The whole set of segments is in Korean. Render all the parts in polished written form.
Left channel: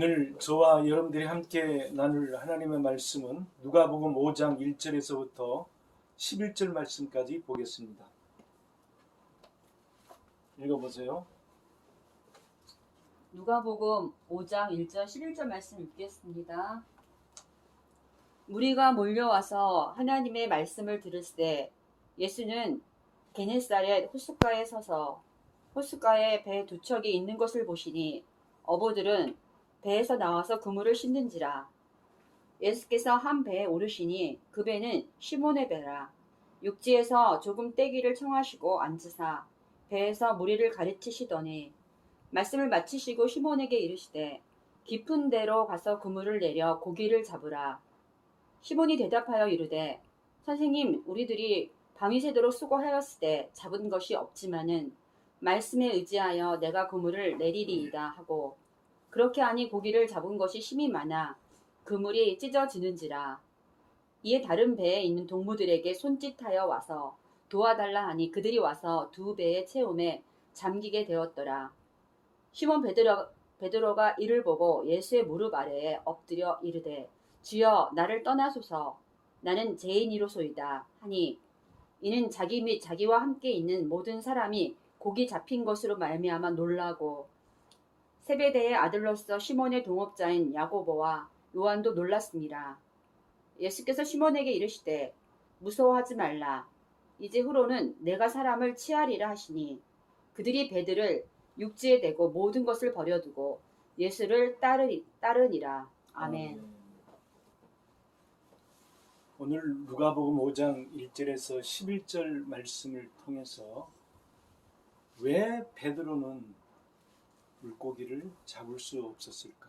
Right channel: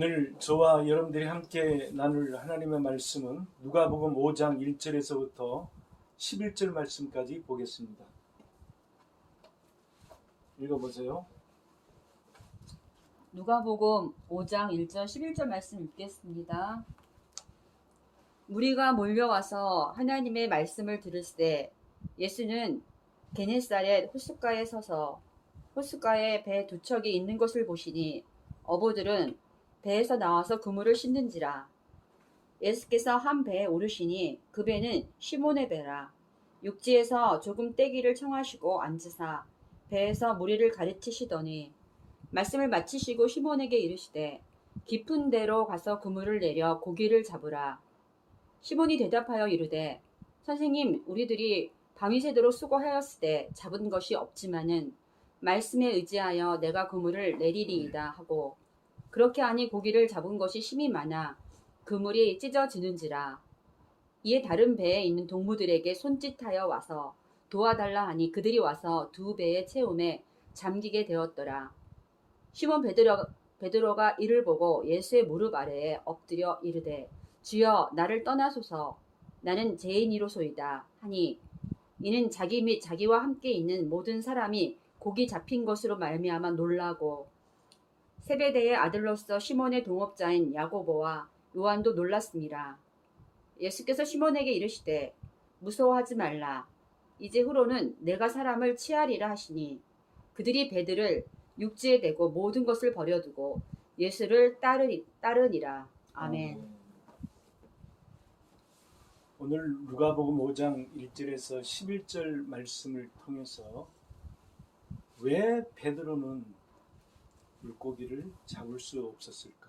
오늘 저와 여러분들이 함께 나눌 하나님의 말씀은 누가복음 5장 1절에서부터 11절 말씀까지 보겠습니다. 읽어보세요. 누가복음 5장 1절 11절 말씀 읽겠습니다. 무리가 몰려와서 하나님의 말씀을 들을새 예수는 게네사렛 호숫가에 서서 호숫가에 배 두 척이 있는 것을 보시니 어부들은 배에서 나와서 그물을 씻는지라. 예수께서 한 배에 오르시니 그 배는 시몬의 배라. 육지에서 조금 떼기를 청하시고 앉으사 배에서 무리를 가르치시더니 말씀을 마치시고 시몬에게 이르시되 깊은 데로 가서 그물을 내려 고기를 잡으라. 시몬이 대답하여 이르되 선생님, 우리들이 밤이 새도록 수고하였으되 잡은 것이 없지만은 말씀에 의지하여 내가 그물을 내리리이다 하고 그렇게 하니 고기를 잡은 것이 심히 많아 그물이 찢어지는지라. 이에 다른 배에 있는 동무들에게 손짓하여 와서 도와달라 하니 그들이 와서 두 배의 채움에 잠기게 되었더라. 시몬 베드로가 이를 보고 예수의 무릎 아래에 엎드려 이르되 주여, 나를 떠나소서, 나는 죄인이로소이다 하니 이는 자기 및 자기와 함께 있는 모든 사람이 고기 잡힌 것으로 말미암아 놀라고 세베대의 아들로서 시몬의 동업자인 야고보와 요한도 놀랐습니다. 예수께서 시몬에게 이르시되 무서워하지 말라. 이제 후로는 내가 사람을 취하리라 하시니 그들이 배들을 육지에 대고 모든 것을 버려두고 예수를 따르니라. 아멘. 오늘 누가복음 5장 1절에서 11절 말씀을 통해서 왜 베드로는 물고기를 잡을 수 없었을까?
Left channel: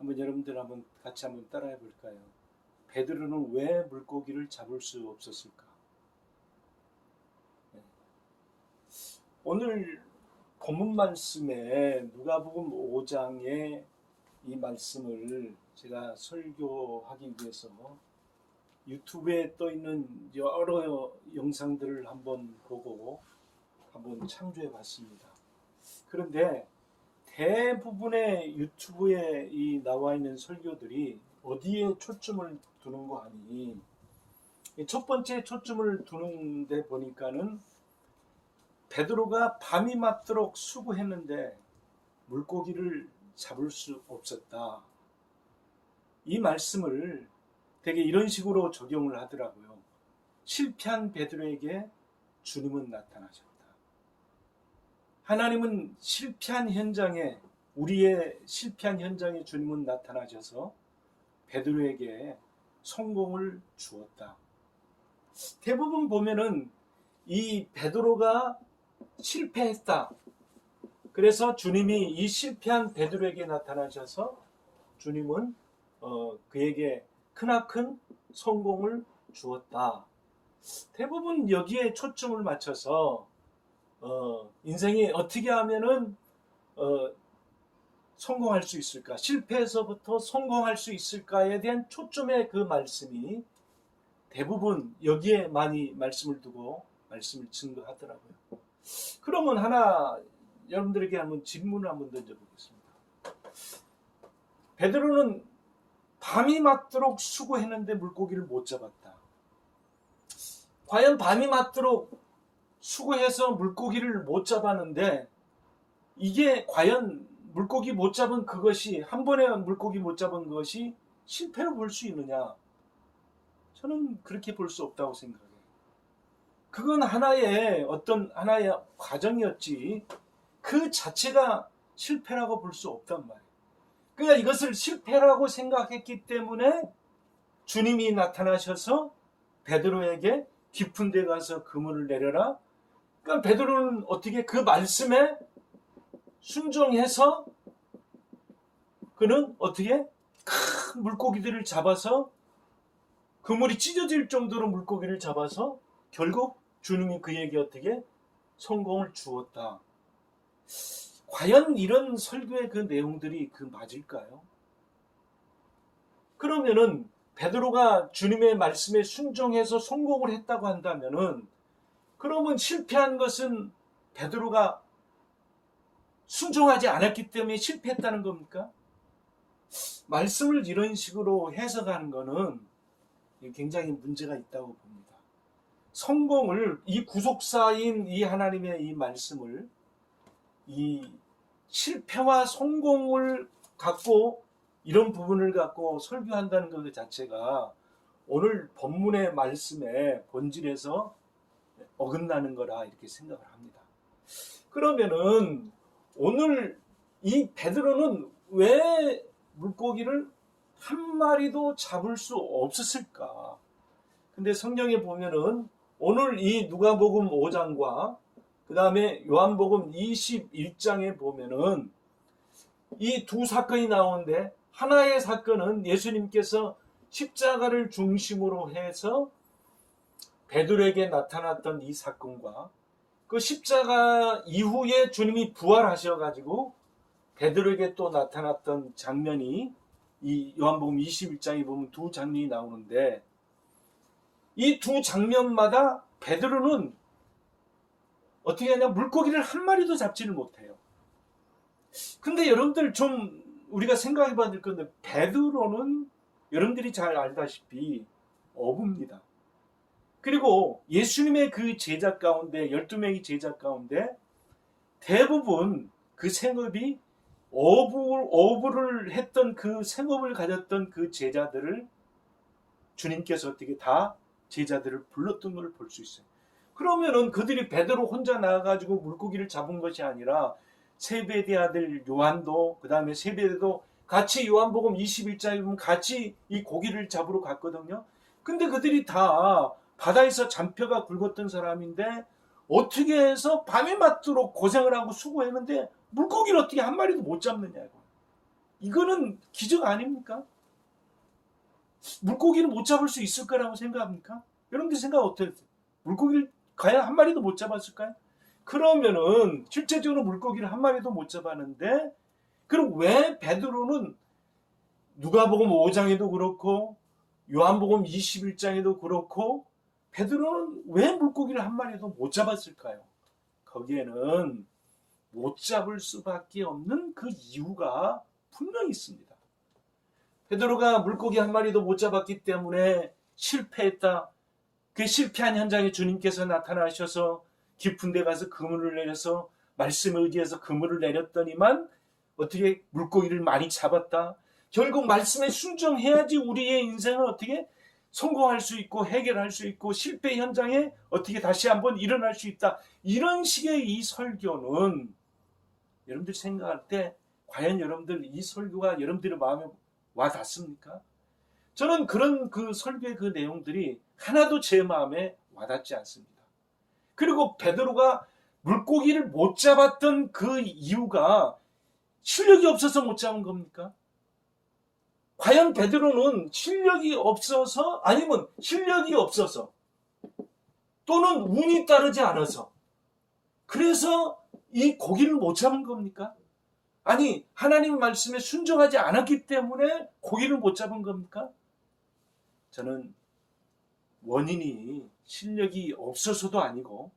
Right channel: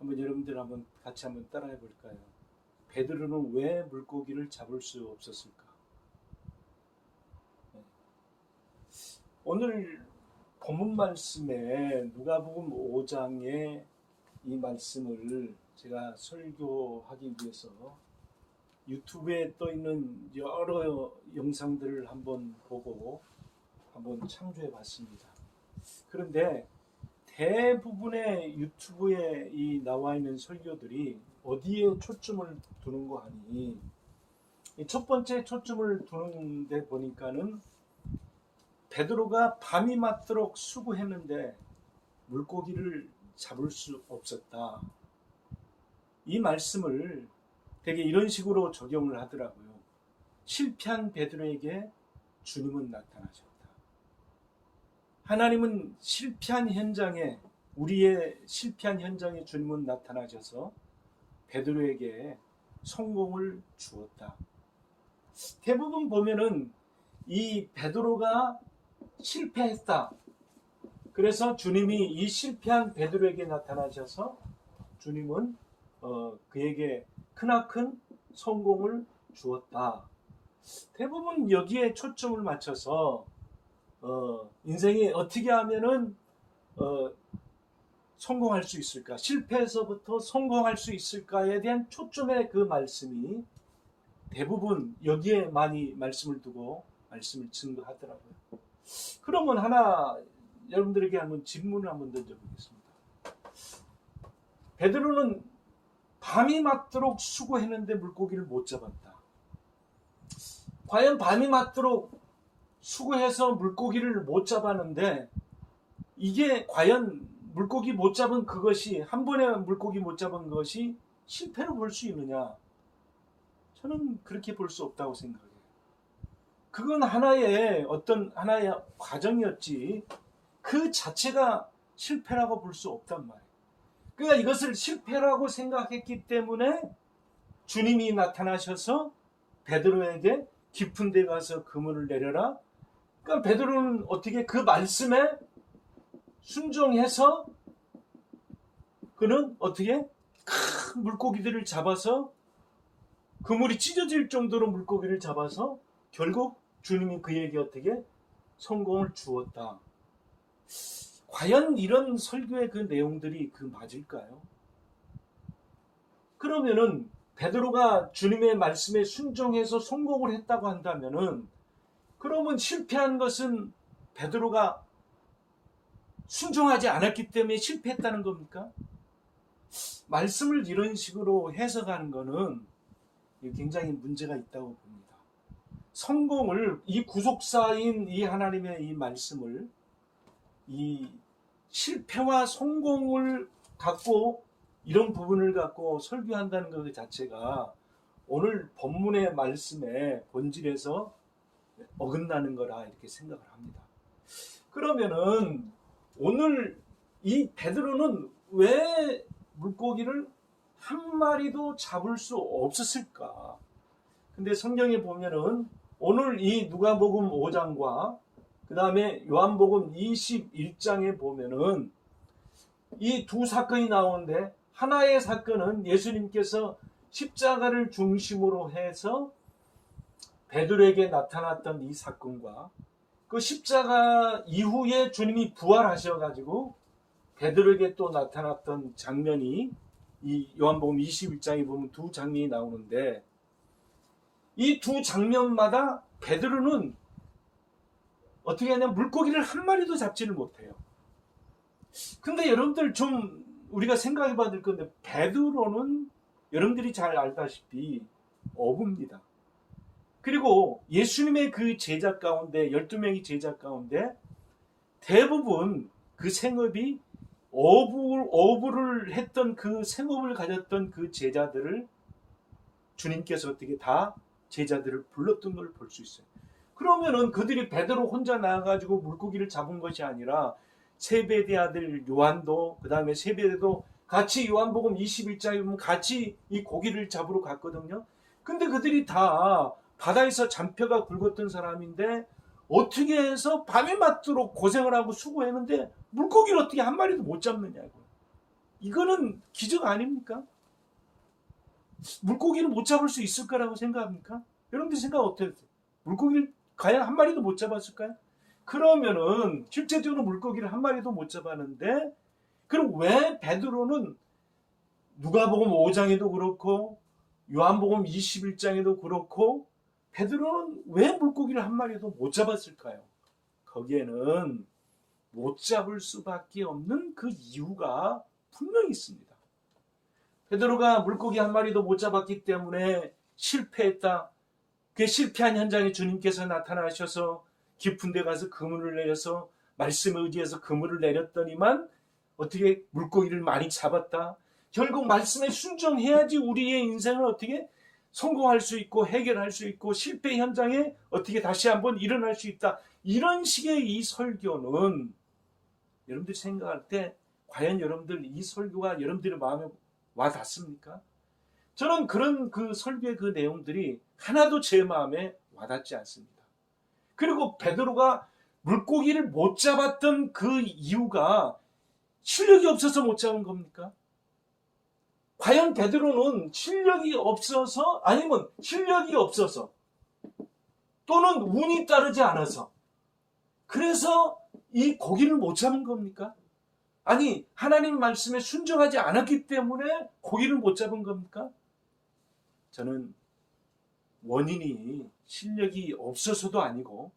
여러분들 같이 따라해 볼까요? 베드로는 왜 물고기를 잡을 수 없었을까? 오늘 본문 말씀에 누가복음 5장의 이 말씀을 제가 설교하기 위해서 유튜브에 떠 있는 여러 영상들을 한번 보고 한번 참조해 봤습니다. 그런데 대부분의 유튜브에 나와 있는 설교들이 어디에 초점을 두는 거 아니? 첫 번째 초점을 두는 데 보니까는 베드로가 밤이 맞도록 수고했는데 물고기를 잡을 수 없었다. 이 말씀을 되게 이런 식으로 적용을 하더라고요. 실패한 베드로에게 주님은 나타나셨다. 하나님은 실패한 현장에, 우리의 실패한 현장에 주님은 나타나셔서 베드로에게 성공을 주었다. 대부분 보면은 이 베드로가 실패했다. 그래서 주님이 이 실패한 베드로에게 나타나셔서 주님은 그에게 크나큰 성공을 주었다. 대부분 여기에 초점을 맞춰서 인생이 어떻게 하면은 성공할 수 있을까? 실패에서부터 성공할 수 있을까에 대한 초점의 그 말씀이 대부분 여기에 많이 말씀을 두고 말씀을 증거하더라고요. 그러면 여러분들에게 한번 질문을 한번 던져보겠습니다. 베드로는 밤이 맞도록 수고했는데 물고기를 못 잡았다. 과연 밤이 맞도록 수고해서 물고기를 못 잡았는데 이게 과연 물고기 못 잡은 그것이, 한 번에 물고기 못 잡은 것이 실패로 볼 수 있느냐? 저는 그렇게 볼 수 없다고 생각해요. 그건 하나의 과정이었지 그 자체가 실패라고 볼 수 없단 말이에요. 그러니까 이것을 실패라고 생각했기 때문에 주님이 나타나셔서 베드로에게 깊은 데 가서 그물을 내려라. 그러니까 베드로는 어떻게 그 말씀에 순종해서 그는 어떻게 큰 물고기들을 잡아서 그물이 찢어질 정도로 물고기를 잡아서 결국 주님이 그에게 어떻게 성공을 주었다. 과연 이런 설교의 그 내용들이 맞을까요? 그러면은 베드로가 주님의 말씀에 순종해서 성공을 했다고 한다면은 그러면 실패한 것은 베드로가 순종하지 않았기 때문에 실패했다는 겁니까? 말씀을 이런 식으로 해석하는 것은 굉장히 문제가 있다고 봅니다. 성공을, 이 구속사인 이 하나님의 이 말씀을 이 실패와 성공을 갖고 이런 부분을 갖고 설교한다는 것 자체가 오늘 본문의 말씀의 본질에서 어긋나는 거라 이렇게 생각을 합니다. 그러면은 오늘 이 베드로는 왜 물고기를 한 마리도 잡을 수 없었을까? 근데 성경에 보면은 오늘 이 누가복음 5장과 그 다음에 요한복음 21장에 보면은 이 두 사건이 나오는데, 하나의 사건은 예수님께서 십자가를 중심으로 해서 베드로에게 나타났던 이 사건과 그 십자가 이후에 주님이 부활하셔가지고 베드로에게 또 나타났던 장면이 이 요한복음 21장에 보면 두 장면이 나오는데, 이 두 장면마다 베드로는 어떻게 하냐, 물고기를 한 마리도 잡지를 못해요. 근데 여러분들 좀 우리가 생각해 봐야 될 건데, 베드로는 여러분들이 잘 알다시피 어부입니다. 그리고 예수님의 그 제자 가운데 12명의 제자 가운데 대부분 그 생업이 어부를 했던, 그 생업을 가졌던 그 제자들을 주님께서 어떻게 다 제자들을 불렀던 걸 볼 수 있어요. 그러면은 그들이 베드로 혼자 나가가지고 물고기를 잡은 것이 아니라 세베대 아들 요한도, 그 다음에 세베대도 같이 요한복음 21장에 보면 같이 이 고기를 잡으러 갔거든요. 근데 그들이 다 바다에서 잔뼈가 굵었던 사람인데 어떻게 해서 밤에 맞도록 고생을 하고 수고했는데 물고기를 어떻게 한 마리도 못 잡느냐고. 이거는 기적 아닙니까? 물고기를 못 잡을 수 있을 거라고 생각합니까? 여러분들 생각 어때요? 물고기를 과연 한 마리도 못 잡았을까요? 그러면은 실제적으로 물고기를 한 마리도 못 잡았는데, 그럼 왜 베드로는 누가복음 5장에도 그렇고 요한복음 21장에도 그렇고 베드로는 왜 물고기를 한 마리도 못 잡았을까요? 거기에는 못 잡을 수밖에 없는 그 이유가 분명히 있습니다. 베드로가 물고기 한 마리도 못 잡았기 때문에 실패했다. 그 실패한 현장에 주님께서 나타나셔서 깊은 데 가서 그물을 내려서 말씀에 의지해서 그물을 내렸더니만 어떻게 물고기를 많이 잡았다. 결국 말씀에 순종해야지 우리의 인생을 어떻게 성공할 수 있고 해결할 수 있고 실패 현장에 어떻게 다시 한번 일어날 수 있다. 이런 식의 이 설교는 여러분들이 생각할 때 과연 여러분들 이 설교가 여러분들의 마음에 와 닿습니까? 저는 그런 그 설교의 그 내용들이 하나도 제 마음에 와닿지 않습니다. 그리고 베드로가 물고기를 못 잡았던 그 이유가 실력이 없어서 못 잡은 겁니까? 과연 베드로는 실력이 없어서, 아니면 실력이 없어서 또는 운이 따르지 않아서 그래서 이 고기를 못 잡은 겁니까? 아니, 하나님 말씀에 순종하지 않았기 때문에 고기를 못 잡은 겁니까? 저는 원인이 실력이 없어서도 아니고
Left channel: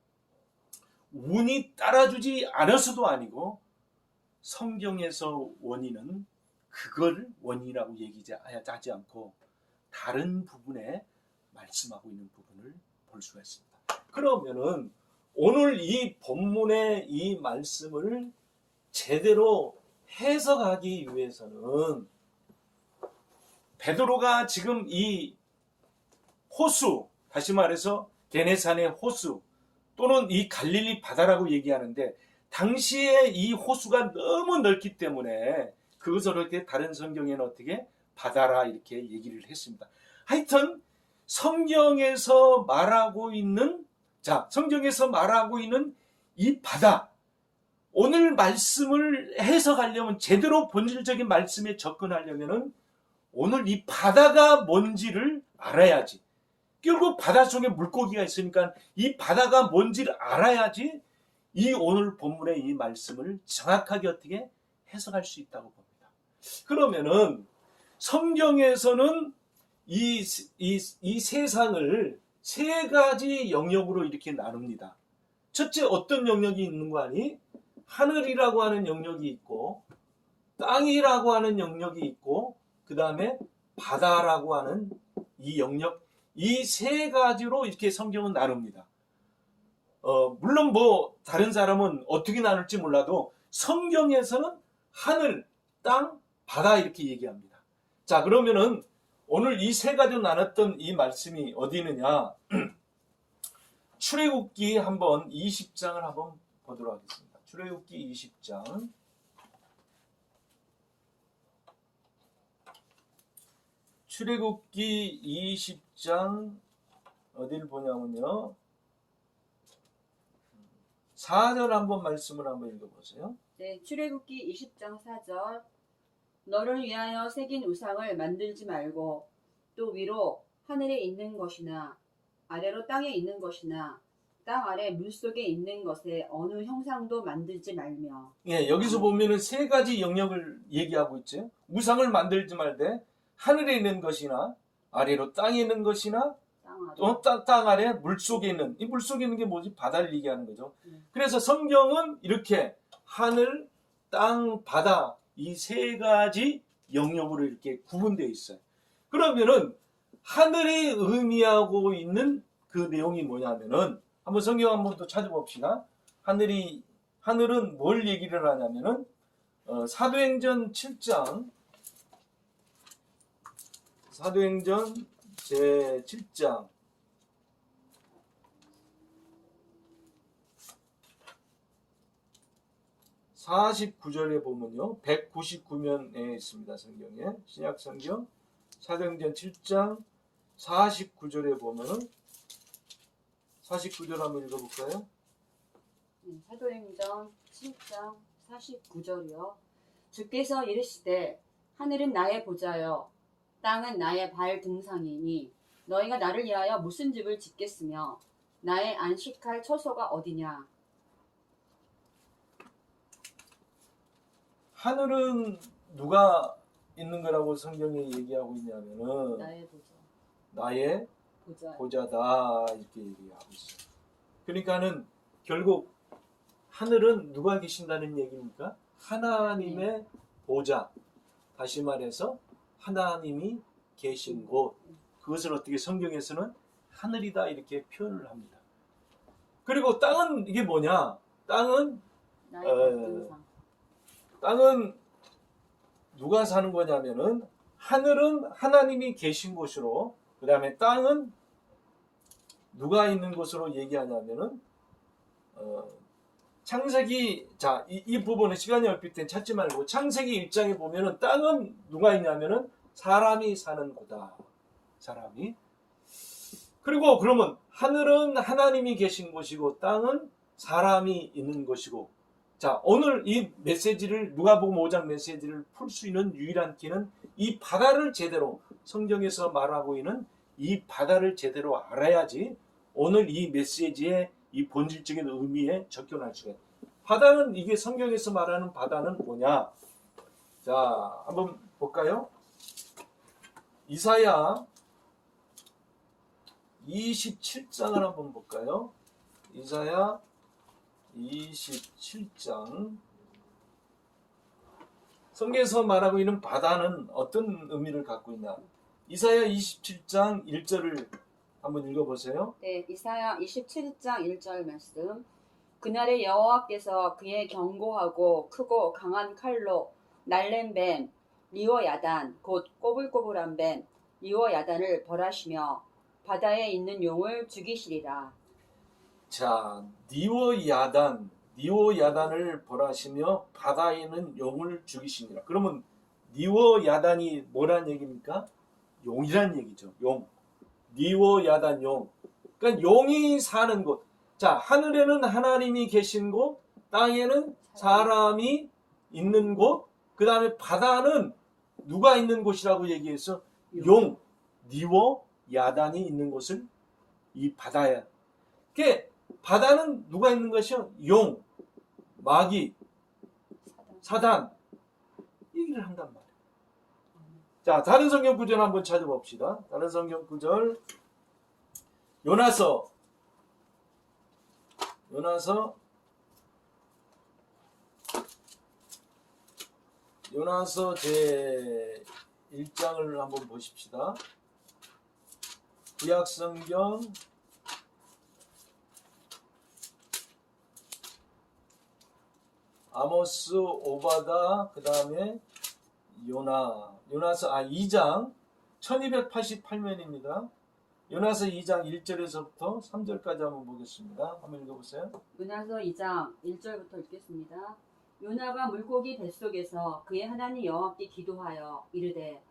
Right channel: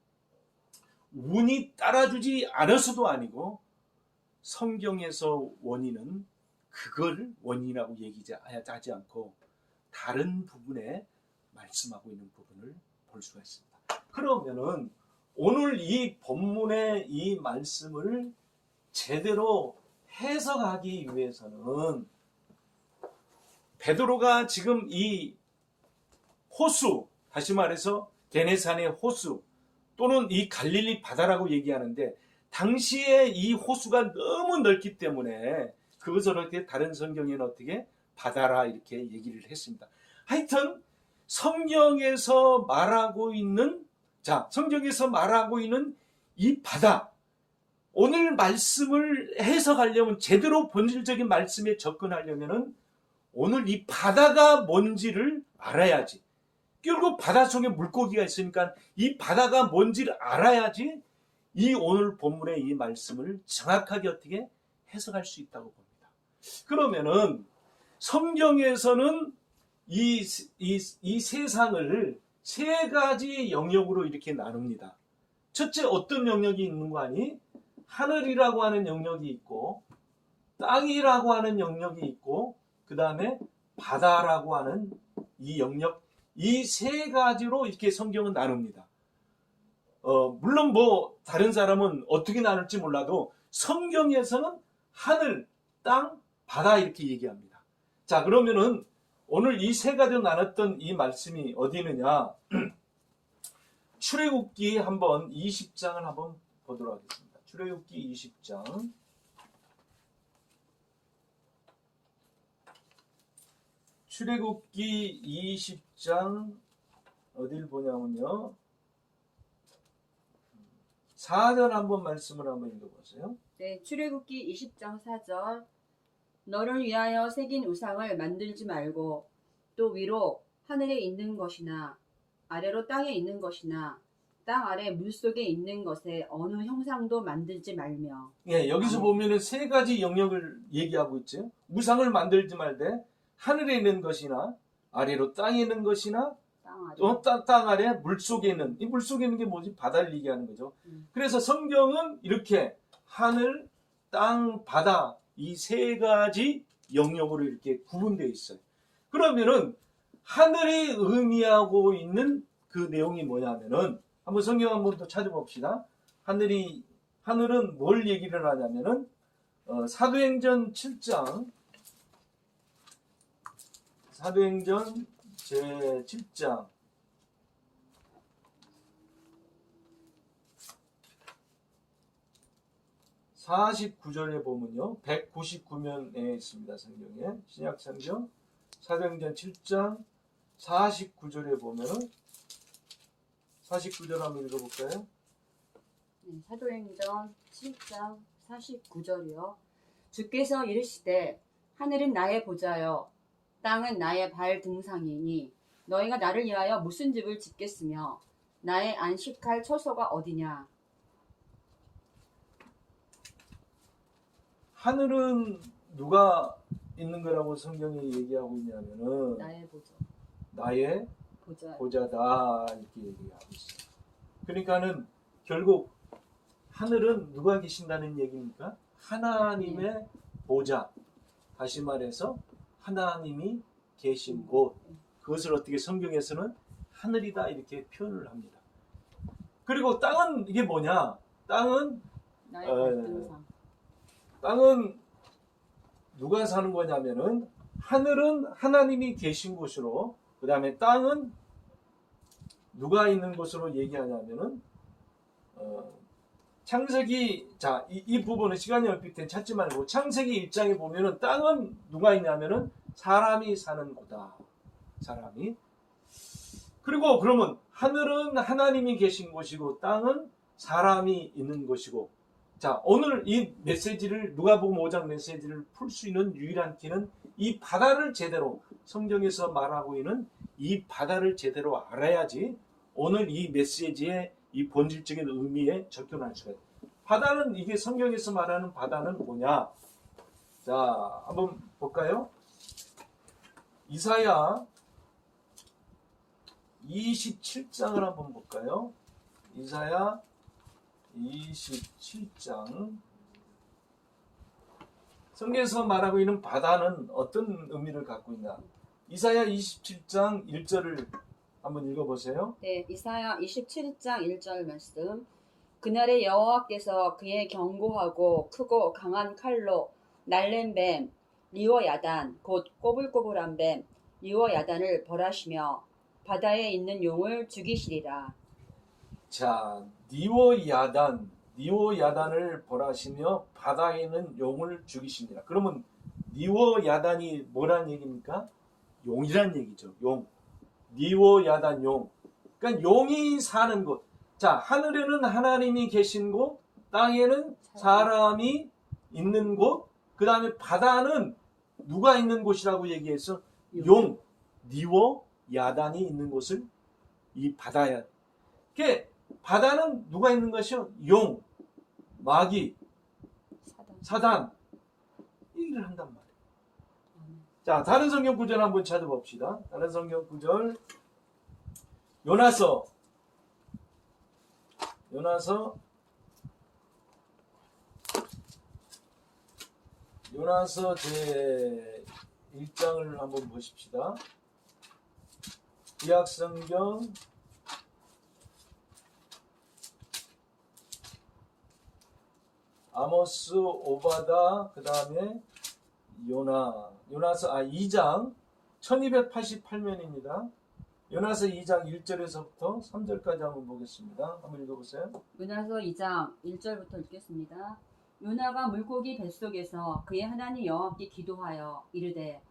운이 따라주지 않아서도 아니고, 성경에서 원인은 그걸 원인이라고 얘기하지 않고 다른 부분에 말씀하고 있는 부분을 볼 수가 있습니다. 그러면은 오늘 이 본문의 이 말씀을 제대로 해석하기 위해서는 베드로가 지금 이 호수, 다시 말해서 게네사의 호수 또는 이 갈릴리 바다라고 얘기하는데, 당시에 이 호수가 너무 넓기 때문에 그것을 어떻게 다른 성경에는 어떻게 바다라 이렇게 얘기를 했습니다. 하여튼 성경에서 말하고 있는 이 바다, 오늘 말씀을 해석하려면, 제대로 본질적인 말씀에 접근하려면 오늘 이 바다가 뭔지를 알아야지. 결국 바다 속에 물고기가 있으니까 이 바다가 뭔지를 알아야지 이 오늘 본문의 이 말씀을 정확하게 어떻게 해석할 수 있다고 봅니다. 그러면은 성경에서는 이 세상을 세 가지 영역으로 이렇게 나눕니다. 첫째, 어떤 영역이 있는 거 아니? 하늘이라고 하는 영역이 있고 땅이라고 하는 영역이 있고 그 다음에 바다라고 하는 이 영역, 이 세 가지로 이렇게 성경은 나눕니다. 물론 뭐 다른 사람은 어떻게 나눌지 몰라도 성경에서는 하늘, 땅, 바다 이렇게 얘기합니다. 자, 그러면은 오늘 이 세 가지로 나눴던 이 말씀이 어디 있느냐? 출애굽기 한번 20장을 한번 보도록 하겠습니다. 출애굽기 20장. 출애굽기 20장 어디를 보냐면요. 4절 한번 말씀을 한번 읽어보세요. 네, 출애굽기 20장 4절. 너를 위하여 새긴 우상을 만들지 말고 또 위로 하늘에 있는 것이나 아래로 땅에 있는 것이나 땅 아래 물속에 있는 것에 어느 형상도 만들지 말며. 예, 여기서 보면은 세 가지 영역을 얘기하고 있죠. 우상을 만들지 말되 하늘에 있는 것이나 아래로 땅에 있는 것이나 땅 아래 물속에 있는, 이 물속에 있는 게 뭐지? 바다를 얘기하는 거죠. 그래서 성경은 이렇게 하늘, 땅, 바다 이 세 가지 영역으로 이렇게 구분되어 있어요. 그러면은 하늘이 의미하고 있는 그 내용이 뭐냐면은 한번 성경 한번 또 찾아봅시다. 하늘은 뭘 얘기를 하냐면은 사도행전 7장 사도행전 제 7장 49절에 보면요. 199면에 있습니다. 성경에. 신약성경 사도행전 7장 49절에 보면은 49절 한번 읽어볼까요? 사도행전 7장 49절이요. 주께서 이르시되 하늘은 나의 보좌여 땅은 나의 발 등상이니 너희가 나를 위하여 무슨 집을 짓겠으며 나의 안식할 처소가 어디냐. 하늘은 누가 있는 거라고 성경이 얘기하고 있냐면은 나의 보좌. 나의 보좌다 이렇게 얘기하고 있어요. 그러니까는 결국 하늘은 누가 계신다는 얘기입니까? 하나님의 보좌. 다시 말해서 하나님이 계신 곳. 그것을 어떻게 성경에서는 하늘이다 이렇게 표현을 합니다. 그리고 땅은 이게 뭐냐? 땅은 나의 발등상. 땅은 누가 사는 거냐면은 하늘은 하나님이 계신 곳으로, 그 다음에 땅은 누가 있는 곳으로 얘기하냐면은 창세기, 자, 이 부분은 시간이 없기 때문에 찾지 말고 창세기 1장에 보면은 땅은 누가 있냐면은 사람이 사는 곳이다. 사람이. 그리고 그러면 하늘은 하나님이 계신 곳이고 땅은 사람이 있는 곳이고, 자, 오늘 이 메시지를 누가복음 5장 메시지를 풀 수 있는 유일한 길은 이 바다를 제대로 성경에서 말하고 있는 이 바다를 제대로 알아야지 오늘 이 메시지의 이 본질적인 의미에 접근할 수가 있어요. 바다는 이게 성경에서 말하는 바다는 뭐냐? 자, 한번 볼까요? 이사야 27장을 한번 볼까요? 이사야 27장. 성경에서 말하고 있는 바다는 어떤 의미를 갖고 있나? 이사야 27장 1절을 한번 읽어보세요. 네, 이사야 27장 1절 말씀. 그날에 여호와께서 그의 견고하고 크고 강한 칼로 날랜 뱀 리워야단 곧 꼬불꼬불한 뱀 리워야단을 벌하시며 바다에 있는 용을 죽이시리라. 자, 니워야단을 벌하시며 바다에 있는 용을 죽이시니라. 그러면 니워야단이 뭐란 얘기입니까? 용이란 얘기죠. 용. 니워야단 용. 그러니까 용이 사는 곳. 자, 하늘에는 하나님이 계신 곳, 땅에는 사람이 있는 곳, 그 다음에 바다는 누가 있는 곳이라고 얘기했어? 용. 니워야단이 있는 곳을 이 바다야. 그게 바다는 누가 있는 것이요? 용, 마귀, 사단 얘기를 한단 말이에요. 자, 다른 성경 구절 한번 찾아봅시다. 다른 성경 구절 요나서 요나서 제 1장을 한번 보십시다. 구약성경 아모스, 오바다, 그 다음에 요나서 2장 1288면입니다. 요나서 2장 1절에서부터 3절까지 한번 보겠습니다. 한번 읽어보세요. 요나서 2장 1절부터 읽겠습니다. 요나가 물고기 뱃속에서 그의 하나님 여호와께 기도하여 이르되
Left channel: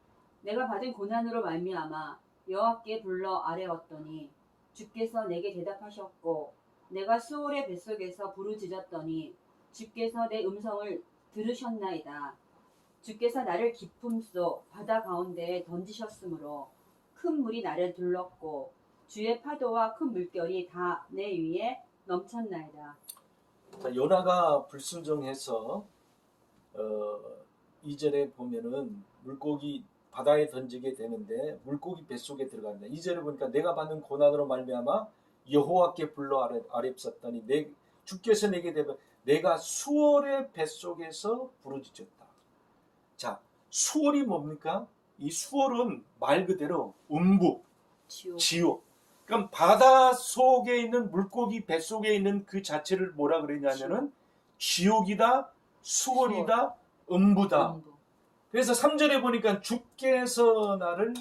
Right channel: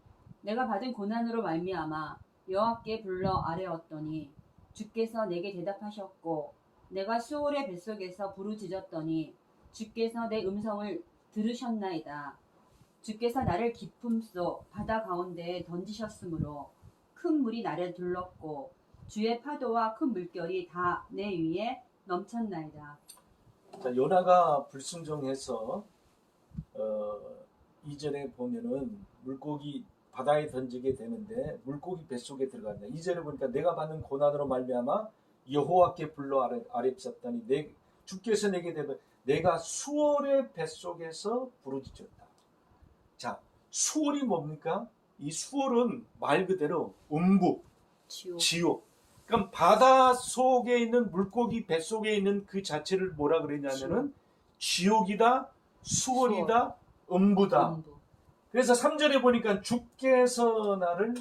내가 받은 고난으로 말미암아 여호와께 불러 아뢰었더니 주께서 내게 대답하셨고 내가 수올의 뱃속에서 부르짖었더니 주께서 내 음성을 들으셨나이다. 주께서 나를 깊음 속 바다 가운데에 던지셨으므로 큰 물이 나를 둘렀고 주의 파도와 큰 물결이 다 내 위에 넘쳤나이다. 요나가 불순종해서 2절에 보면은 물고기 바다에 던지게 되는데 물고기 뱃속에 들어간다. 2절에 보니까 내가 받는 고난으로 말미암아 여호와께 불러 아뢰었더니 주께서 내게 대답 내가 수월의 뱃속에서 부르짖었다. 자, 수월이 뭡니까? 이 수월은 말 그대로 음부, 지옥. 그럼 바다 속에 있는 물고기 뱃속에 있는 그 자체를 뭐라 그러냐면은 지옥이다, 수월이다, 음부다. 그래서 3절에 보니까 주께서 나를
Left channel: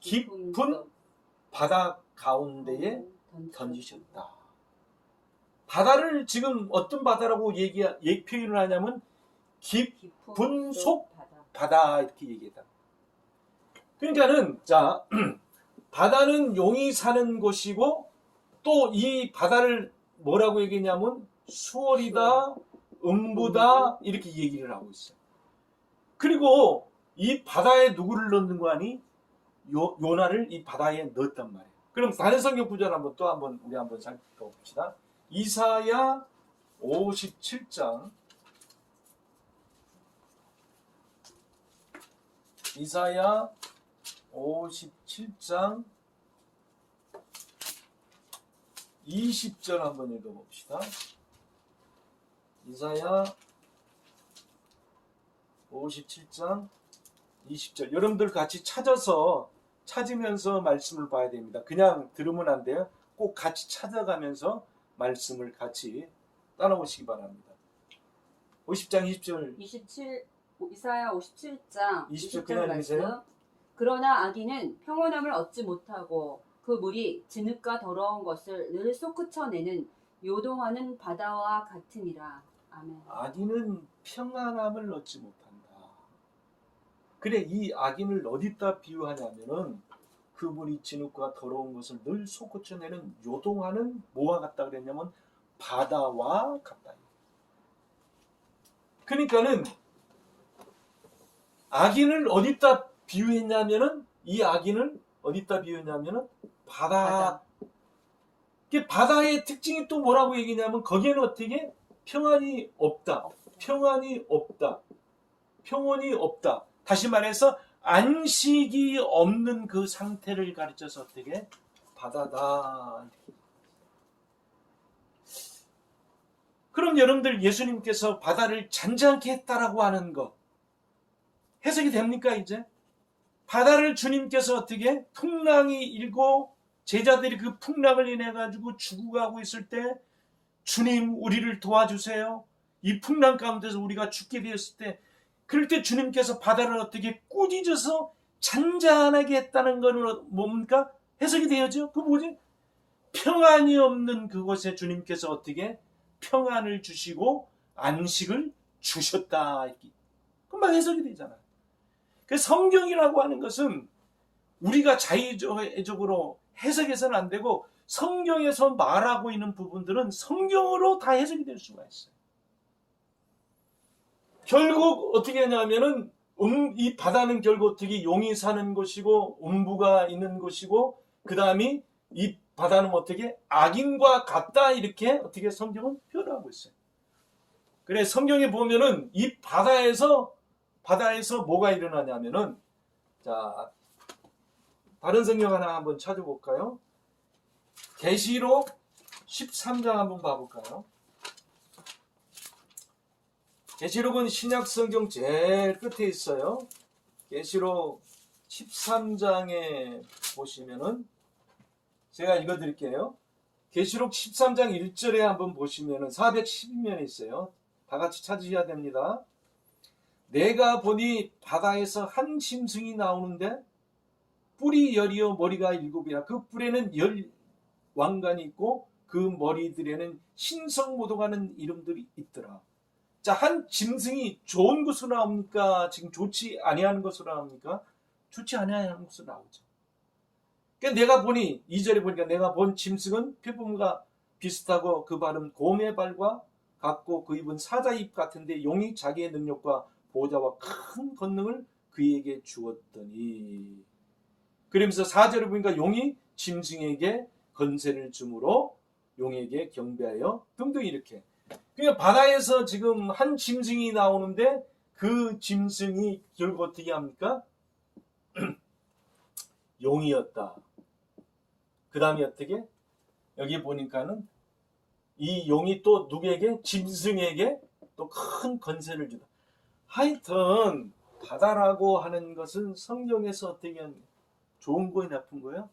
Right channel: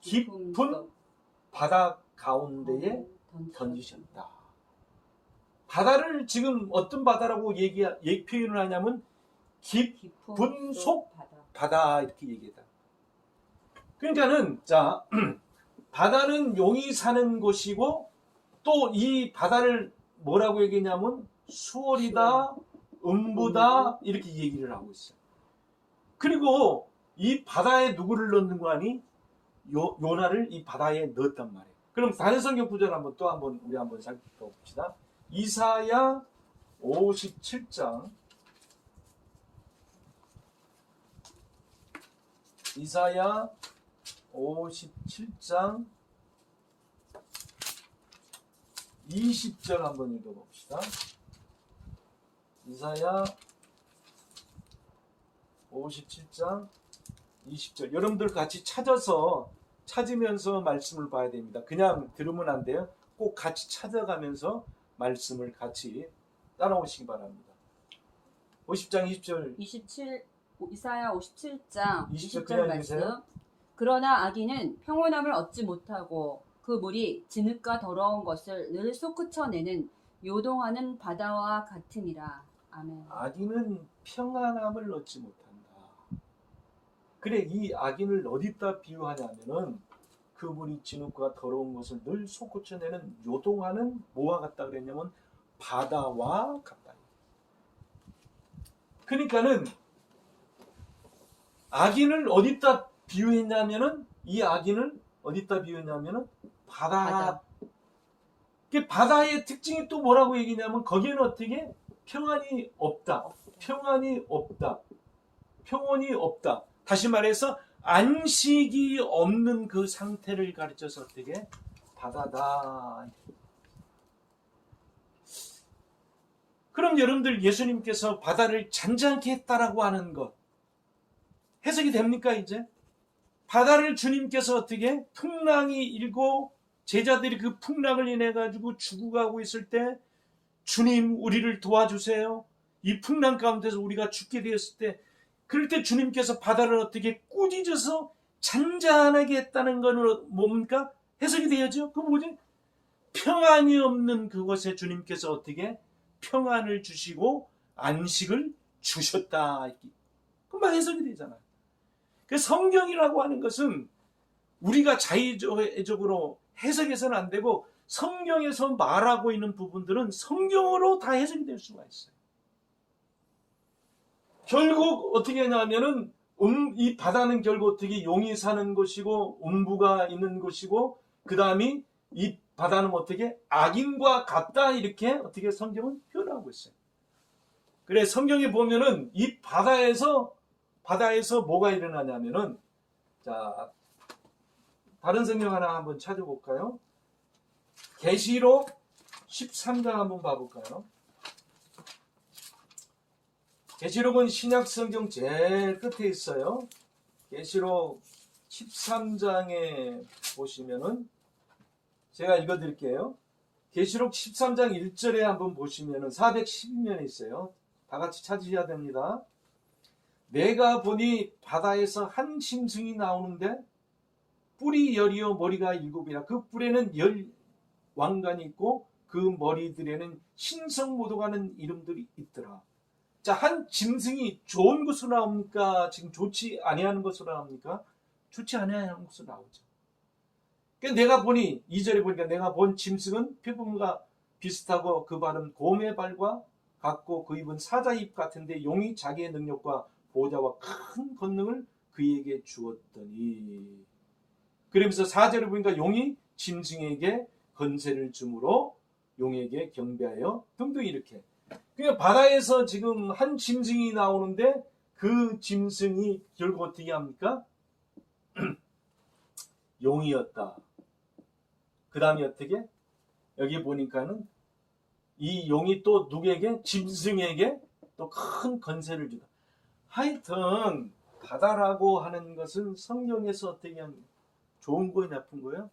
깊은 바다 가운데에 던지셨다. 바다를 지금 어떤 바다라고 표현을 하냐면 깊은 속 바다 이렇게 얘기했다. 그러니까는 자 바다는 용이 사는 곳이고 또 이 바다를 뭐라고 얘기했냐면 수월이다, 음부다 이렇게 얘기를 하고 있어요. 그리고 이 바다에 누구를 넣는 거 아니? 요나를 이 바다에 넣었단 말이에요. 그럼 다른 성경 구절 우리 한번 살펴봅시다. 이사야 57장 이사야 57장 20절 한번 읽어봅시다. 이사야 57장 20절 여러분들 같이 찾으면서 말씀을 봐야 됩니다. 그냥 들으면 안 돼요. 꼭 같이 찾아가면서 말씀을 같이 따라오시기 바랍니다. 50장 20절 이사야 57장 20절 말씀. 그러나 악인은 평온함을 얻지 못하고 그 물이 진흙과 더러운 것을 늘 솟구쳐내는 요동하는 바다와 같으니라. 아멘. 악인은 평안함을 얻지 못한다. 그래 이 악인을 어디다 비유하냐면은 그 물이 진흙과 더러운 것을 늘 솟구쳐내는 요동하는 뭐와 같다 그랬냐면 바다와 같다. 그러니까는 악인을 어디다 비유했냐면은 이 악인을 어디다 비유했냐면은 바다. 바다의 특징이 또 뭐라고 얘기냐면 거기에는 어떻게 평안이 없다. 평안이 없다. 평온이 없다. 다시 말해서 안식이 없는 그 상태를 가르쳐서 어떻게 바다다. 그럼 여러분들 예수님께서 바다를 잔잔케 했다라고 하는 거 해석이 됩니까 이제? 바다를 주님께서 어떻게 풍랑이 일고 제자들이 그 풍랑을 인해 가지고 죽어가고 있을 때 주님 우리를 도와주세요. 이 풍랑 가운데서 우리가 죽게 되었을 때 그럴 때 주님께서 바다를 어떻게 꾸짖어서 잔잔하게 했다는 건 뭡니까? 해석이 되어죠. 그 뭐지? 평안이 없는 그곳에 주님께서 어떻게 평안을 주시고 안식을 주셨다. 그만 해석이 되잖아. 그 성경이라고 하는 것은 우리가 자의적으로 해석해서는 안 되고 성경에서 말하고 있는 부분들은 성경으로 다 해석이 될 수가 있어요. 결국 어떻게 하냐면은 이 바다는 결국 어떻게 용이 사는 곳이고 음부가 있는 곳이고 그 다음에 이 바다는 어떻게 악인과 같다 이렇게 어떻게 성경은 표현하고 있어요. 그래 성경에 보면은 이 바다에서 뭐가 일어나냐면은 자 다른 성경 하나 한번 찾아볼까요? 계시록 13장 한번 봐볼까요? 계시록은 신약 성경 제일 끝에 있어요. 계시록 13장에 보시면은 제가 읽어드릴게요. 계시록 13장 1절에 한번 보시면은 412면에 있어요. 다 같이 찾으셔야 됩니다. 내가 보니 바다에서 한 짐승이 나오는데 뿔이 열이요 머리가 일곱이라. 그 뿔에는 열 왕관이 있고 그 머리들에는 신성모독하는 이름들이 있더라. 자, 한 짐승이 좋은 것으로 나옵니까? 지금 좋지 아니하는 것으로 나옵니까? 좋지 아니하는 것으로 나오죠. 그러니까 내가 보니 2절에 보니까 내가 본 짐승은 표범과 비슷하고 그 발은 곰의 발과 같고 그 입은 사자 입 같은데 용이 자기의 능력과 보좌와 큰 권능을 그에게 주었더니. 그러면서 4절에 보니까 용이 짐승에게 건세를 주므로 용에게 경배하여 등등 이렇게. 그러니까 바다에서 지금 한 짐승이 나오는데 그 짐승이 결국 어떻게 합니까? 용이었다. 그 다음에 어떻게? 여기 보니까는 이 용이 또 누구에게? 짐승에게 또 큰 건세를 주다. 하여튼 바다라고 하는 것은 성경에서 어떻게 하면 좋은 거예요, 나쁜 거예요?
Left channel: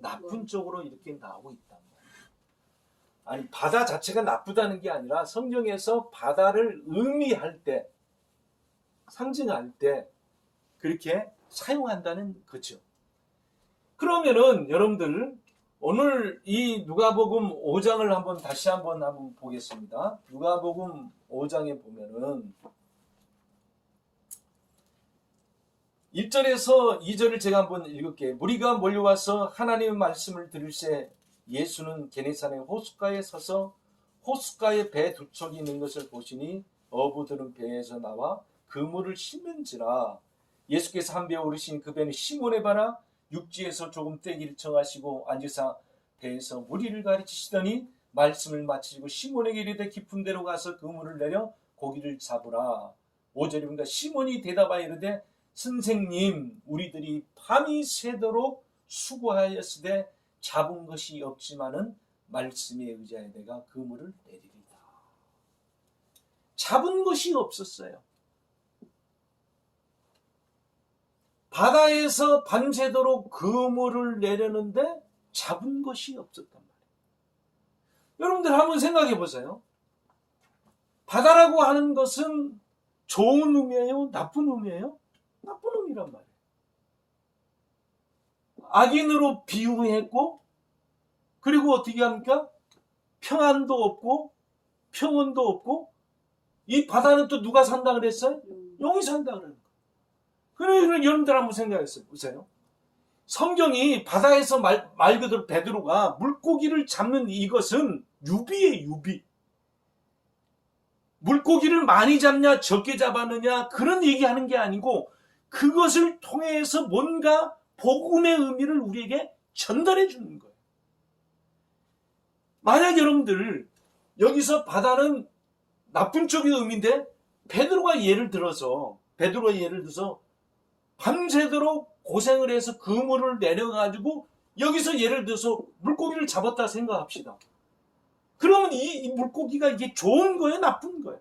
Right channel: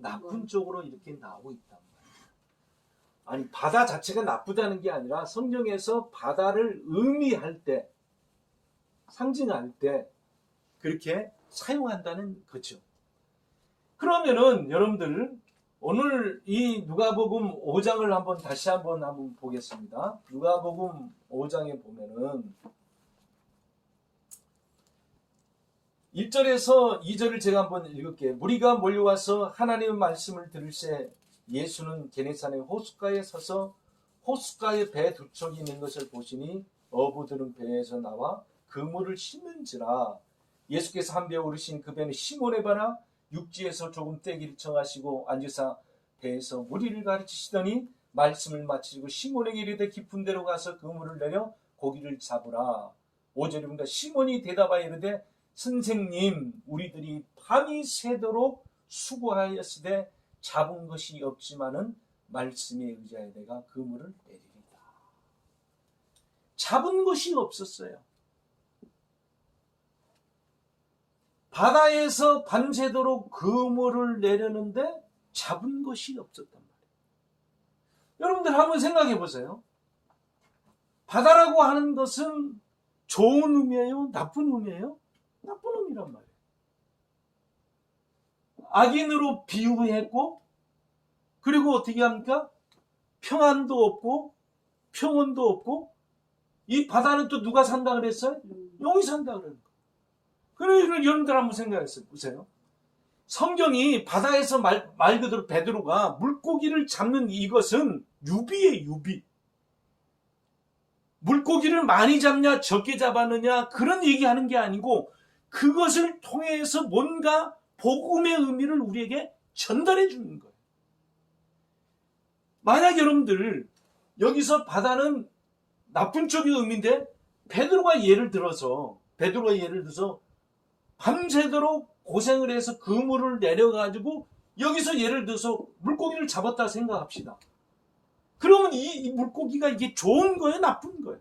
나쁜 쪽으로 이렇게 나오고 있단 말이에요. 아니, 바다 자체가 나쁘다는 게 아니라 성경에서 바다를 의미할 때, 상징할 때 그렇게 사용한다는 거죠. 그러면은 여러분들 오늘 이 누가복음 5장을 한번 다시 한번 보겠습니다. 누가복음 5장에 보면은 1절에서 2절을 제가 한번 읽을게요. 무리가 몰려와서 하나님의 말씀을 들을새 예수는 게네사렛 호숫가에 서서 호숫가에 배 두 척이 있는 것을 보시니 어부들은 배에서 나와 그물을 씻는지라. 예수께서 한 배에 오르신 그 배는 시몬의 배나 육지에서 조금 떼기를 정하시고 앉으사 배에서 무리를 가르치시더니 말씀을 마치고 시몬에게 이르되 깊은 데로 가서 그물을 내려 고기를 잡으라. 5절입니다. 시몬이 대답하여 이르되 선생님, 우리들이 밤이 새도록 수고하였으되 잡은 것이 없지만은 말씀에 의지하여 내가 그물을 내리리다. 잡은 것이 없었어요. 바다에서 밤새도록 그물을 내려는데 잡은 것이 없었단 말이에요. 여러분들 한번 생각해 보세요. 바다라고 하는 것은 좋은 의미예요? 나쁜 의미예요? 나쁜 의미란 말이에요. 악인으로 비유했고, 그리고 어떻게 합니까? 평안도 없고 평온도 없고. 이 바다는 또 누가 산다 그랬어요? 용이 산다 그러는 거예요. 그러니까 여러분들 한번 생각해 보세요. 성경이 바다에서 말 그대로 베드로가 물고기를 잡는 이것은 유비예요, 유비. 물고기를 많이 잡냐 적게 잡았느냐 그런 얘기하는 게 아니고 그것을 통해서 뭔가 복음의 의미를 우리에게 전달해 주는 거예요. 만약 여러분들 여기서 바다는 나쁜 쪽의 의미인데 베드로가 예를 들어서 밤새도록 고생을 해서 그물을 내려가지고 여기서 예를 들어서 물고기를 잡았다 생각합시다. 그러면 이 물고기가 이게 좋은 거예요, 나쁜 거예요?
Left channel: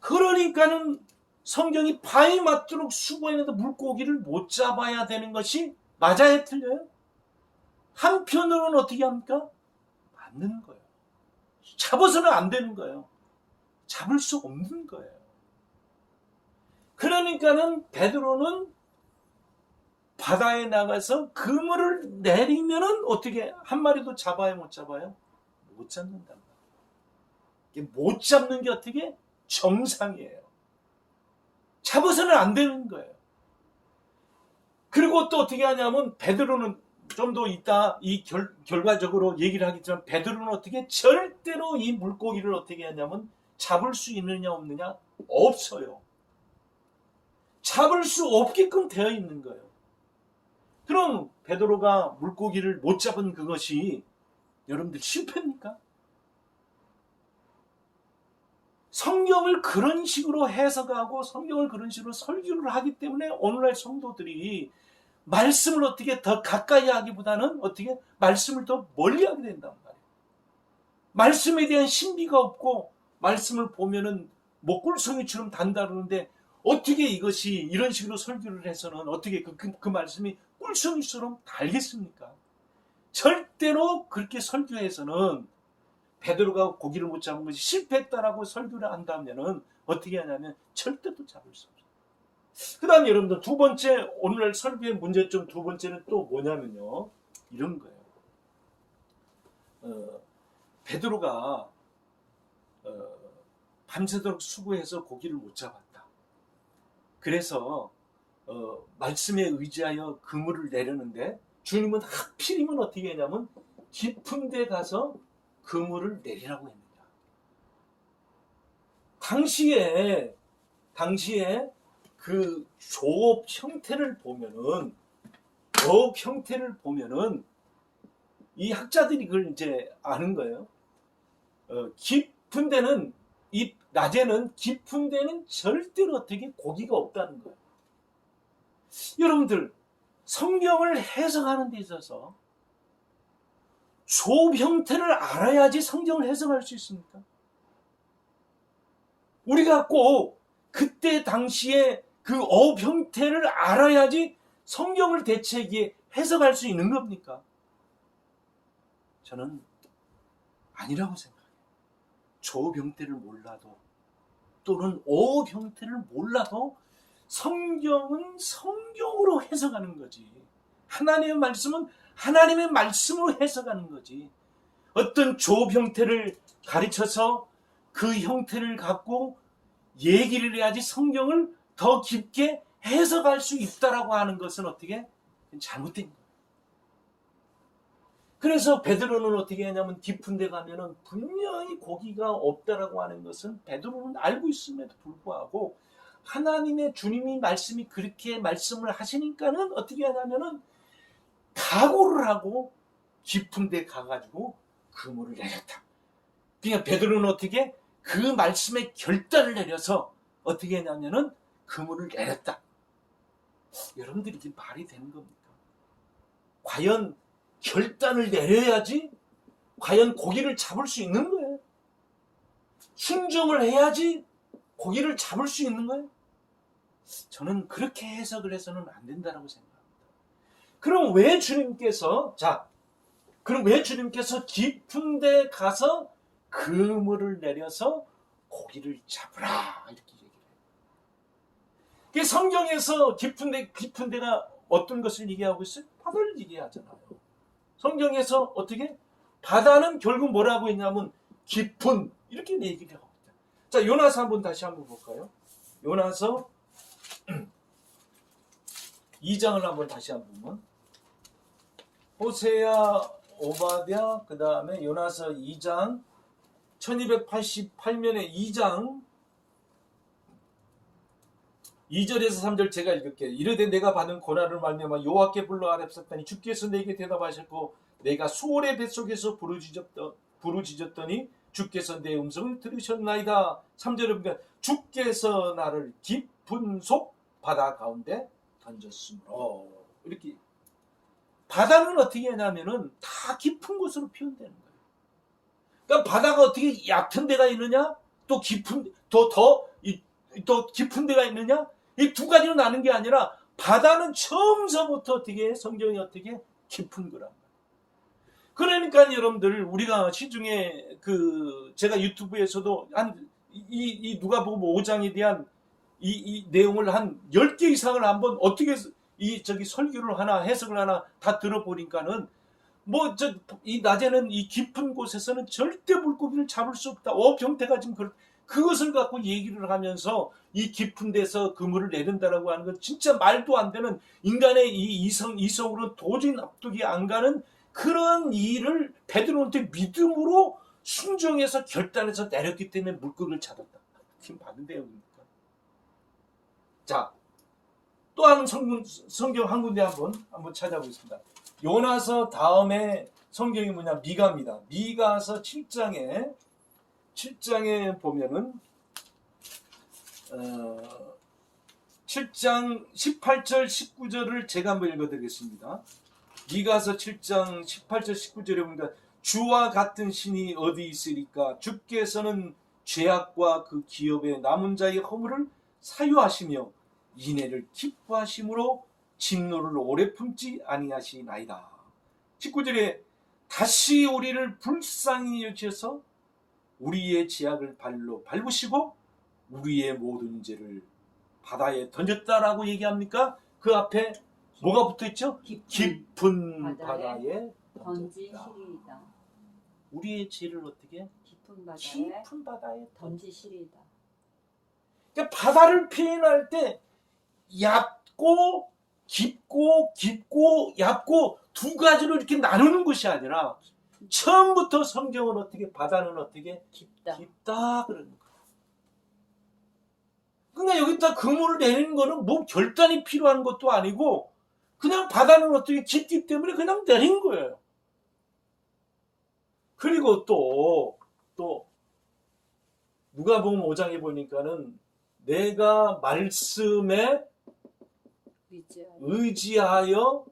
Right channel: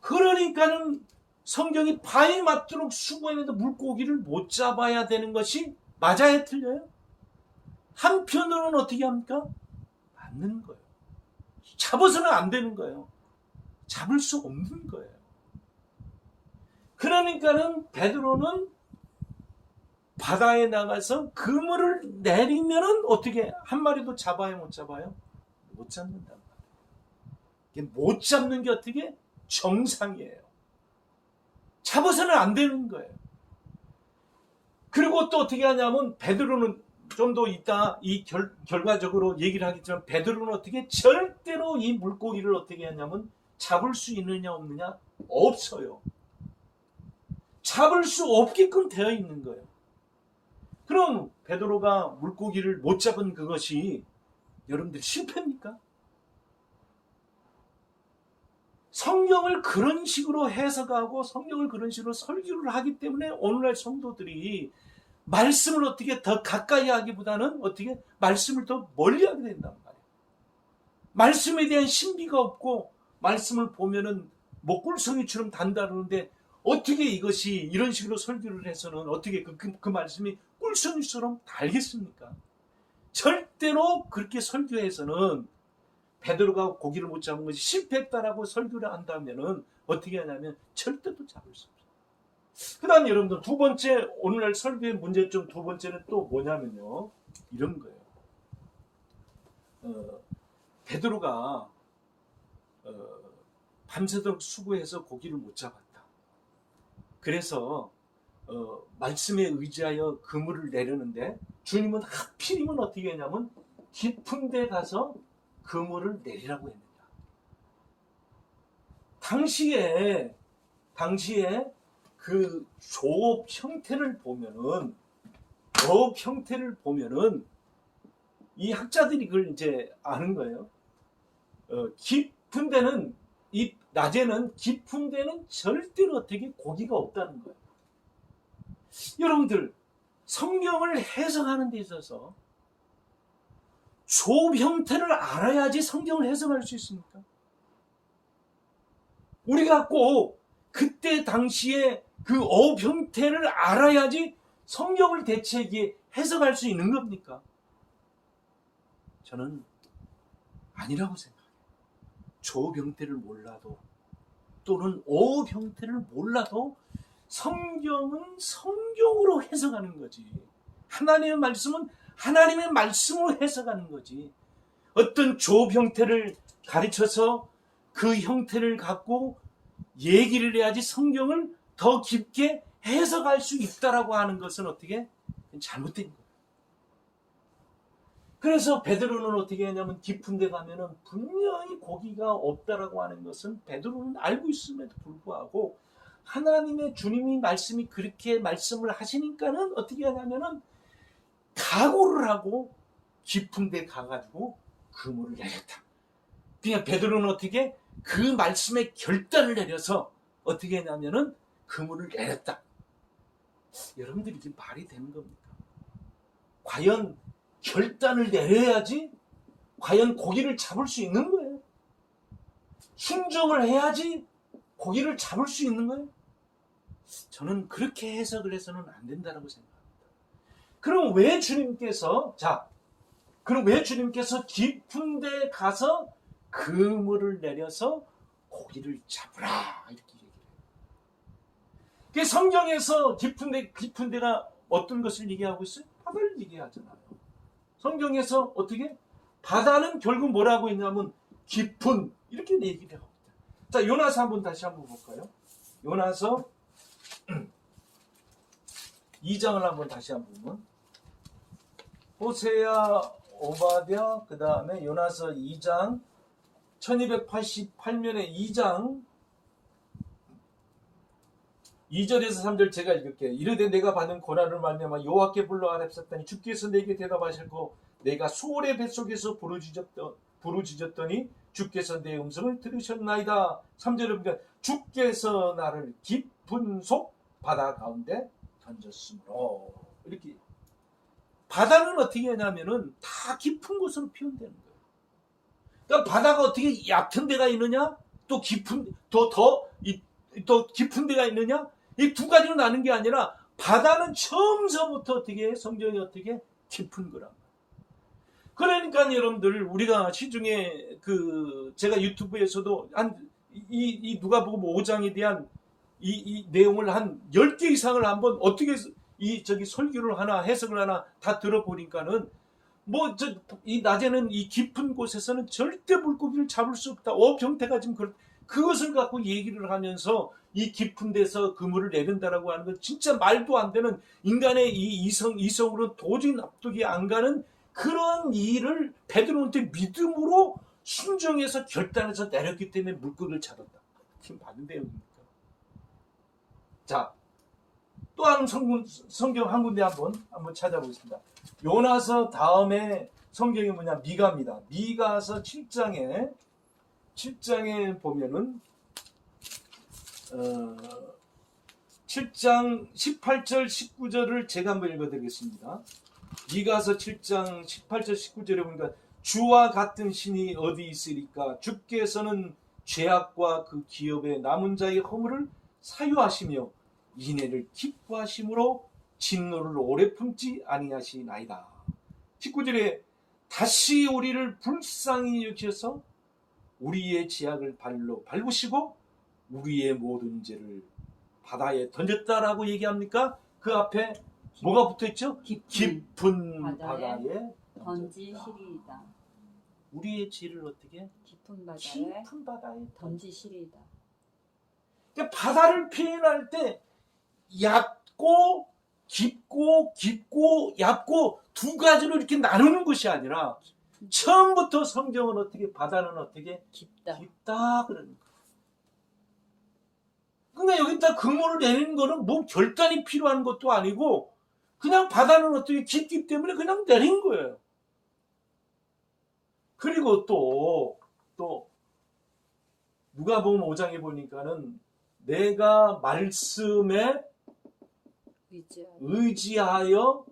그러니까는 성경이 밤이 맞도록 수고했는데 물고기를 못 잡아야 되는 것이 맞아요, 틀려요? 한편으로는 어떻게 합니까? 맞는 거예요. 잡아서는 안 되는 거예요. 잡을 수 없는 거예요. 그러니까는 베드로는 바다에 나가서 그물을 내리면은 어떻게 한 마리도 잡아요, 못 잡아요? 못 잡는다. 이게 못 잡는 게 어떻게 정상이에요. 잡아서는 안 되는 거예요. 그리고 또 어떻게 하냐면 베드로는 좀 더 이따 이 결과적으로 얘기를 하겠지만 베드로는 어떻게 절대로 이 물고기를 어떻게 하냐면 잡을 수 있느냐 없느냐 없어요. 잡을 수 없게끔 되어 있는 거예요. 그럼 베드로가 물고기를 못 잡은 그것이 여러분들 실패입니까? 성경을 그런 식으로 해석하고 성경을 그런 식으로 설교를 하기 때문에 오늘날 성도들이 말씀을 어떻게 더 가까이 하기보다는 어떻게 말씀을 더 멀리 하게 된단 말이에요. 말씀에 대한 신비가 없고 말씀을 보면은 뭐 꿀송이처럼 단다르는데 어떻게 이것이 이런 식으로 설교를 해서는 어떻게 그 말씀이 꿀송이처럼 달겠습니까? 절대로 그렇게 설교해서는 베드로가 고기를 못 잡은 것이 실패했다라고 설교를 한다면은 어떻게 하냐면 절대로 잡을 수 없어요. 그 다음에 여러분들 두 번째, 오늘 설교의 문제점 두 번째는 또 뭐냐면요, 이런 거예요. 베드로가 밤새도록 수고해서 고기를 못 잡았다. 그래서 말씀에 의지하여 그물을 내려는데 주님은 하필이면 어떻게 했냐면 깊은 데 가서 그물을 내리라고 했습니다. 당시에 그 조업 형태를 보면은 이 학자들이 그걸 이제 아는 거예요. 깊은 데는, 이 낮에는 깊은 데는 절대로 어떻게 고기가 없다는 거예요. 여러분들, 성경을 해석하는 데 있어서 조업 형태를 알아야지 성경을 해석할 수 있습니까? 우리가 꼭 그때 당시에 그 어업 형태를 알아야지 성경을 대체하기에 해석할 수 있는 겁니까? 저는 아니라고 생각해요. 조업 형태를 몰라도 또는 어업 형태를 몰라도 성경은 성경으로 해석하는 거지. 하나님의 말씀은 하나님의 말씀으로 해석하는 거지. 어떤 조업 형태를 가르쳐서 그 형태를 갖고 얘기를 해야지 성경을 더 깊게 해석할 수 있다라고 하는 것은 어떻게 잘못된 거예요. 그래서 베드로는 어떻게 하냐면 깊은 데 가면은 분명히 고기가 없다라고 하는 것은 베드로는 알고 있음에도 불구하고 하나님의 주님이 말씀이 그렇게 말씀을 하시니까는 어떻게 하냐면은 각오를 하고 깊은 데 가가지고 그물을 내렸다. 그러니까 베드로는 어떻게 그 말씀에 결단을 내려서 어떻게 했냐면은 그물을 내렸다. 여러분들이 이게 말이 되는 겁니까? 과연 결단을 내려야지 과연 고기를 잡을 수 있는 거예요. 순종을 해야지 고기를 잡을 수 있는 거예요. 저는 그렇게 해석을 해서는 안 된다고 생각합니다. 그럼 왜 주님께서 깊은 데 가서 그물을 내려서 고기를 잡으라 이렇게 얘기를 해요. 성경에서 깊은 데가 어떤 것을 얘기하고 있어요? 바다를 얘기하잖아요. 성경에서 어떻게? 바다는 결국 뭐라고 했냐면 깊은, 이렇게 얘기를 하고 있다. 자, 요나서 다시 한번 볼까요? 요나서 2장을 한번 다시 한번 보면 호세야, 오바댜, 그 다음에 요나서 2장 1288년에 2장 2절에서 3절 제가 읽을게요. 이르되 내가 받은 고난을 말미암아 여호와께 불러 아뢰었더니 주께서 내게 대답하시고 내가 수월의 뱃속에서 부르짖었더니 주께서 내 음성을 들으셨나이다. 3절에 보니까 주께서 나를 깊은 속 바다 가운데 던졌으므로, 이렇게 바다는 어떻게 하냐면은 다 깊은 곳으로 표현되는 거예요. 그러니까 바다가 어떻게 얕은 데가 있느냐, 또 깊은 더 깊은 데가 있느냐, 이 두 가지로 나는 게 아니라 바다는 처음서부터 어떻게 성경이 어떻게 깊은 거라. 그러니까 여러분들 우리가 시중에 제가 유튜브에서도 이 누가복음 5장에 대한 이 내용을 한 10개 이상을 한번 어떻게 설교를 하나 해석을 하나 다 들어보니까는 이 낮에는 이 깊은 곳에서는 절대 물고기를 잡을 수 없다. 어업 형태가 지금 그것을 갖고 얘기를 하면서 이 깊은 데서 그물을 내린다라고 하는 건 진짜 말도 안 되는, 인간의 이성으로 도저히 납득이 안 가는 그런 일을 베드로한테 믿음으로 순종해서 결단해서 내렸기 때문에 물고기를 잡았다. 지금 받은 내용입니까? 자, 또한 성경 한 군데 한번 찾아보겠습니다. 요나서 다음에 성경이 뭐냐? 미가입니다. 미가서 7장에 보면은 7장 18절 19절을 제가 한번 읽어드리겠습니다. 미가서 7장 18절 19절에 보니까 주와 같은 신이 어디 있으리까? 주께서는 죄악과 그 기업의 남은 자의 허물을 사유하시며 인애를 기뻐하심으로 진노를 오래 품지 아니하시나이다. 19절에 다시 우리를 불쌍히 여기셔서 우리의 죄악을 발로 밟으시고 우리의 모든 죄를 바다에 던졌다라고 얘기합니까? 그 앞에 뭐가 붙어있죠? 깊은 바다에 던지시리이다. 우리의 죄를 어떻게? 깊은 바다에 던지시리이다. 그러니까 바다를 표현할 때 얕고 깊고 얕고 두 가지로 이렇게 나누는 것이 아니라 처음부터 성경은 어떻게 바다는 어떻게 깊다 그러는 거예요. 그러니까 여기다 그물을 내리는 거는 뭐 결단이 필요한 것도 아니고 그냥 바다는 어떻게 깊기 때문에 그냥 내린 거예요. 그리고 또 누가복음 5장에 보니까는 내가 말씀에 의지하여,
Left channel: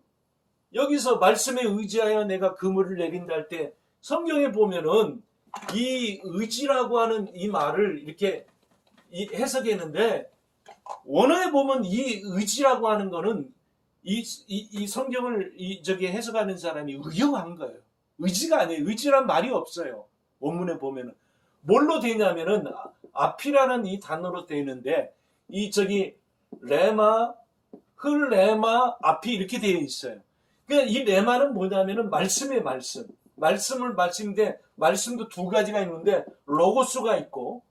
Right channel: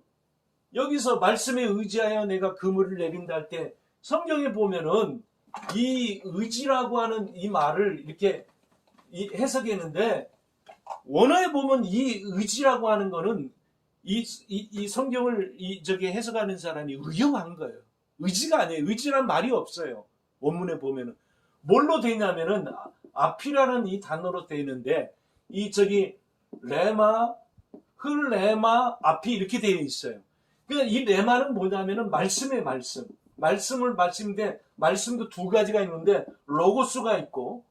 여기서 말씀에 의지하여 내가 그물을 내린다 할 때 성경에 보면은 이 의지라고 하는 이 말을 이렇게 해석했는데, 원어에 보면 이 의지라고 하는 거는 이 성경을 해석하는 사람이 의용한 거예요. 의지가 아니에요. 의지란 말이 없어요. 원문에 보면은 뭘로 되냐면은 앞이라는 이 단어로 되어 있는데 레마, 흘레마, 앞이 이렇게 되어 있어요. 그러니까 이 레마는 뭐냐면은 말씀의 말씀을 말씀인데 말씀도 두 가지가 있는데 로고스가 있고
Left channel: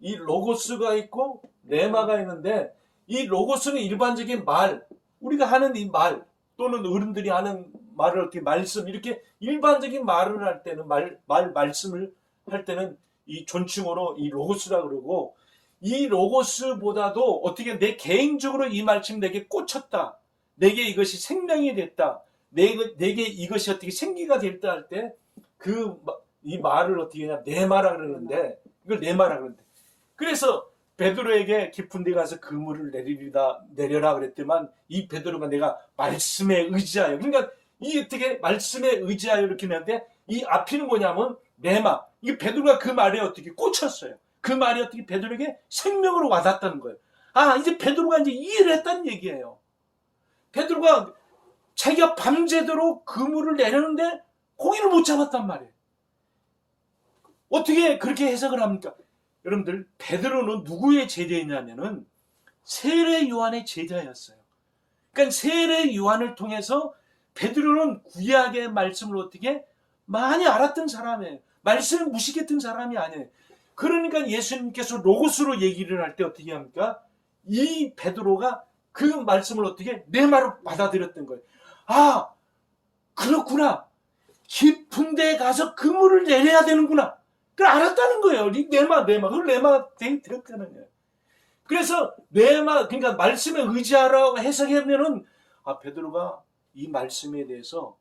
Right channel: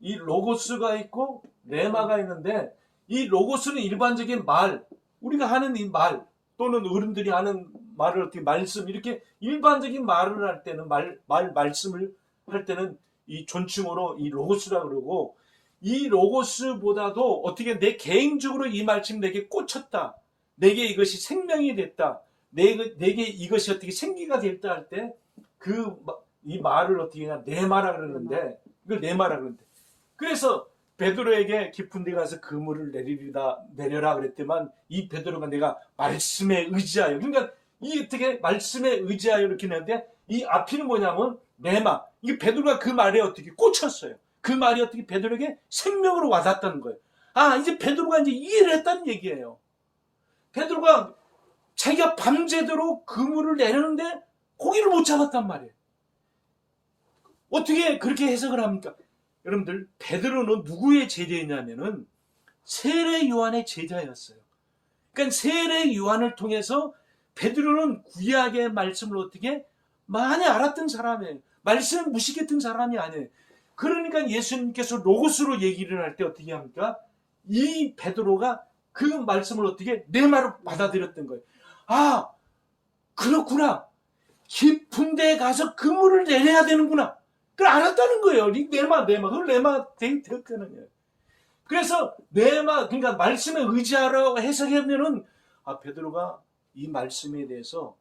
이 로고스가 있고 레마가 있는데 이 로고스는 일반적인 말, 우리가 하는 이 말 또는 어른들이 하는 말을 어떻게 말씀 이렇게 일반적인 말을 할 때는 말씀을 할 때는 이 존칭어로 이 로고스라 그러고, 이 로고스보다도 어떻게 내 개인적으로 이 말씀 내게 꽂혔다, 내게 이것이 생명이 됐다, 내게 이것이 어떻게 생기가 됐다 할 때 이 말을 어떻게 그냥 내마라 그러는데, 이걸 내마라 그러는데, 그래서 베드로에게 깊은 데 가서 그물을 내려라 그랬더만 이 베드로가 내가 말씀에 의지하여, 그러니까 이 어떻게 말씀에 의지하여 이렇게 했는데 이 앞이는 뭐냐면 레마, 이 베드로가 그 말에 어떻게 꽂혔어요. 그 말이 어떻게 베드로에게 생명으로 와닿았다는 거예요. 이제 베드로가 이제 이해를 했다는 얘기예요. 베드로가 자기가 밤새도록 그물을 내려는데 고기를 못 잡았단 말이에요. 어떻게 그렇게 해석을 합니까? 여러분들, 베드로는 누구의 제자였냐면은 세례 요한의 제자였어요. 그러니까 세례 요한을 통해서 베드로는 구약의 말씀을 어떻게 많이 알았던 사람이에요. 말씀을 무식했던 사람이 아니에요. 그러니까 예수님께서 로고스로 얘기를 할 때 어떻게 합니까? 이 베드로가 그 말씀을 어떻게 내 말로 받아들였던 거예요. 그렇구나. 깊은 데에 가서 그물을 내려야 되는구나. 그걸 알았다는 거예요. 그걸 레마 되었다는 거예요. 그래서 그러니까 말씀에 의지하라고 해석하면은 베드로가 이 말씀에 대해서